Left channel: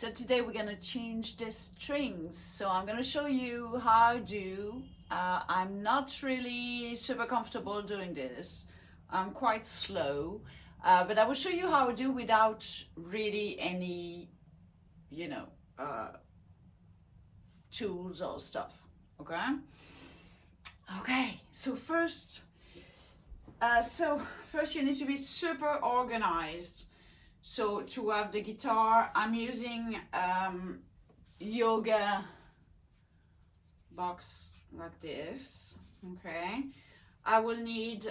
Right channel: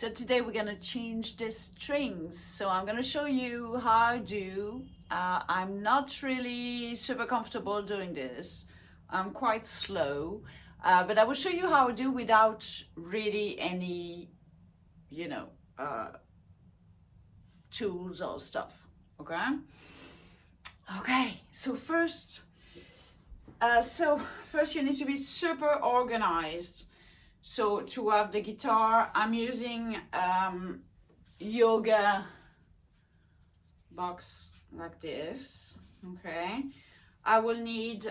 So today we're gonna change the strings. So I'm gonna show you how I do. I'm not really super comfortable doing this. I'm quite slow, but I will show you how I do without really any, tools or stuff, okay? Okay, so first you need to be super organized. So to have the guitar, I'm using yoga box like this, okay? I will need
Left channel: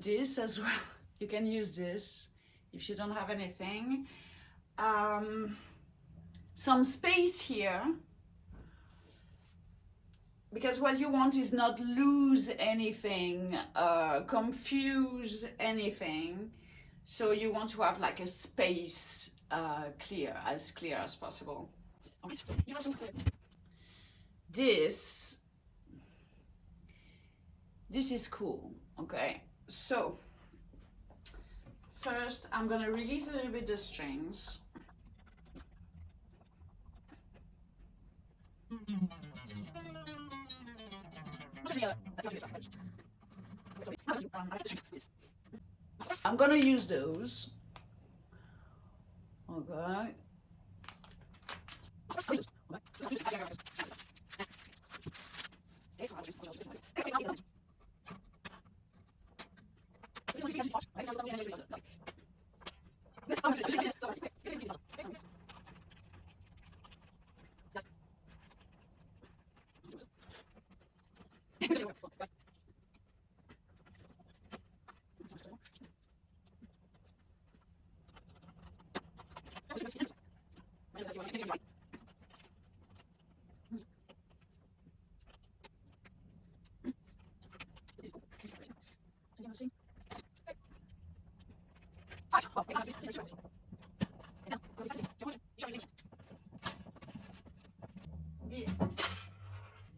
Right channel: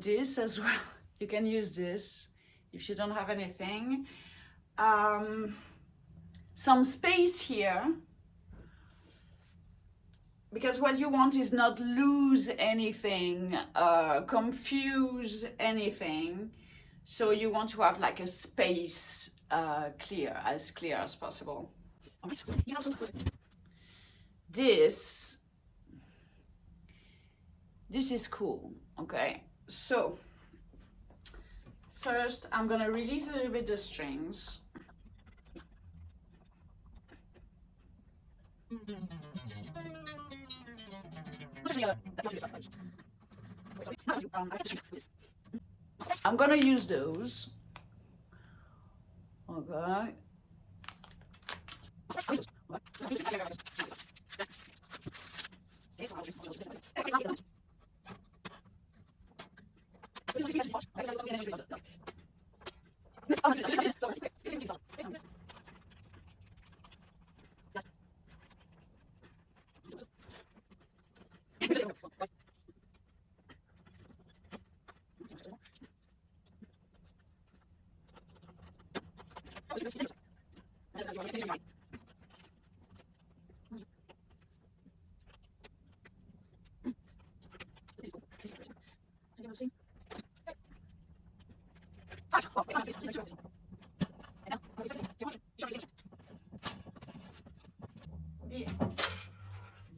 this as well. You can use this if you don't have anything. Some space here, because what you want is not lose anything, confuse anything. So you want to have like a space clear as possible. This is cool, okay? So first I'm gonna release a little bit the strings. I'm gonna use those. Okay.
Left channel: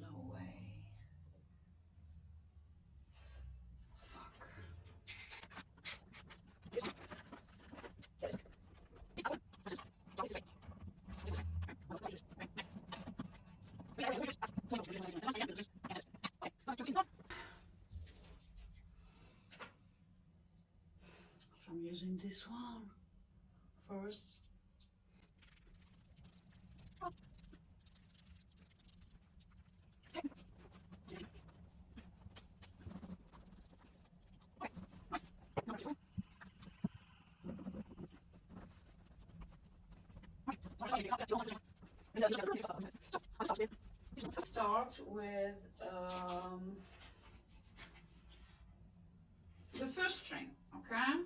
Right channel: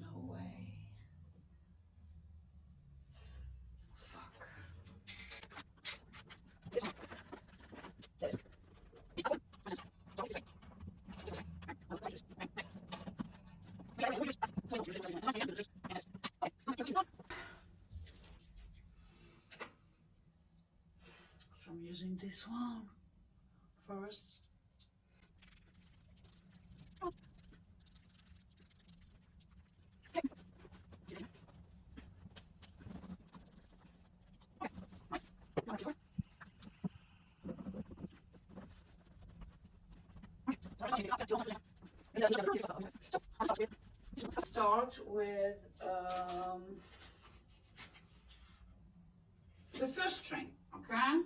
No way. Fuck. So I'm using this one first. Start with the first string, okay?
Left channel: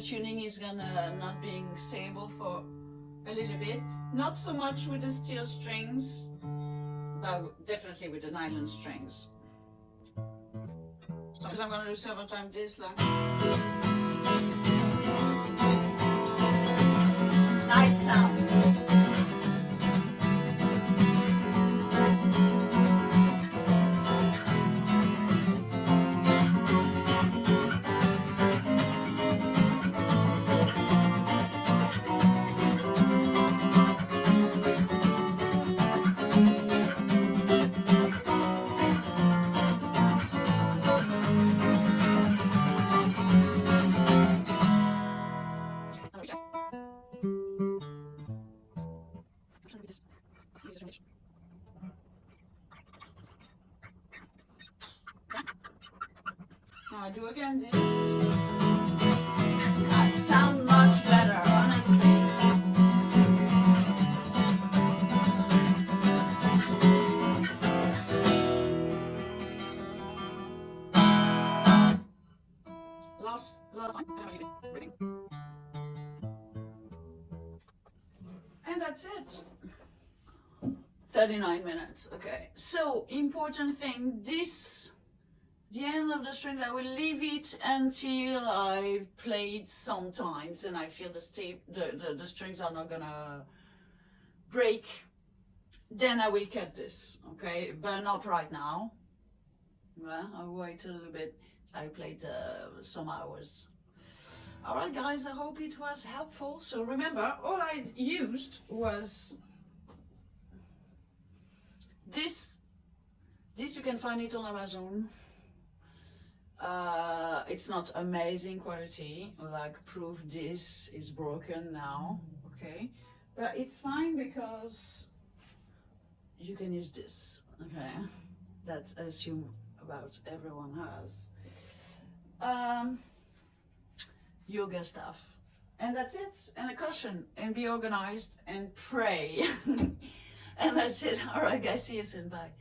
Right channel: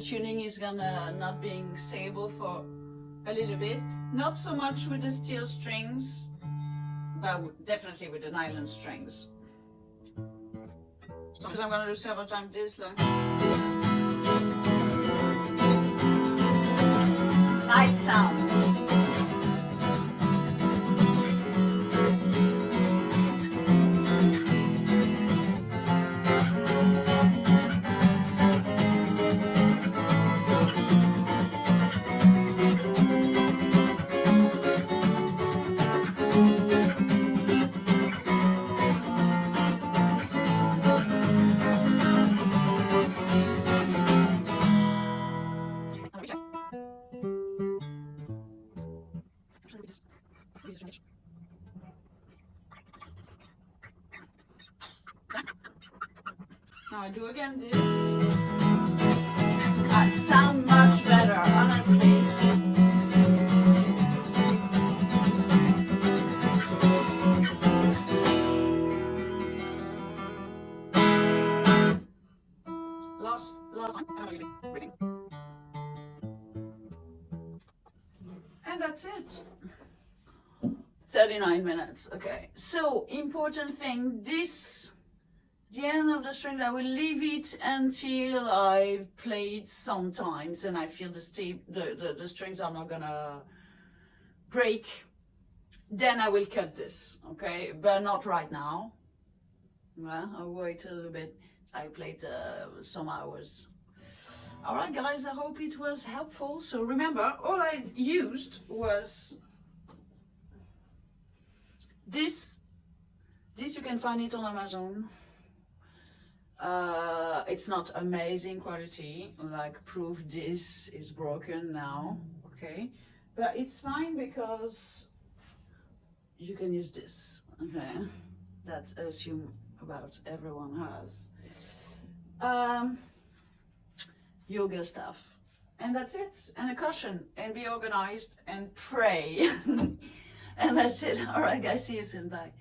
tuning is gonna not being stable for a little bit. Not so much with the steel strings, but definitely with the nylon strings. So I'm gonna do several times this, like nice sound. Now I do again this. I sound much better, honestly. Last one. And that's it. 39 minutes. Okay. So important thing, the end of the string, I will leave it until I've played sometimes and I feel the strings are not gonna break. Then I will cut this, okay? But not right now. Well, I'll wait a little bit. I played some hours. All right, guys, I hope it was helpful. So remember, all I used was this. This you can find it on Amazon. It's not amazing quality, like proof this is broken now, okay? But it's fine because you can use this, okay? That's assume about everyone has. Yoga stuff. And that's it. And a cushion. And be organized and pray. And that's it. All right, guys. See you soon. Bye.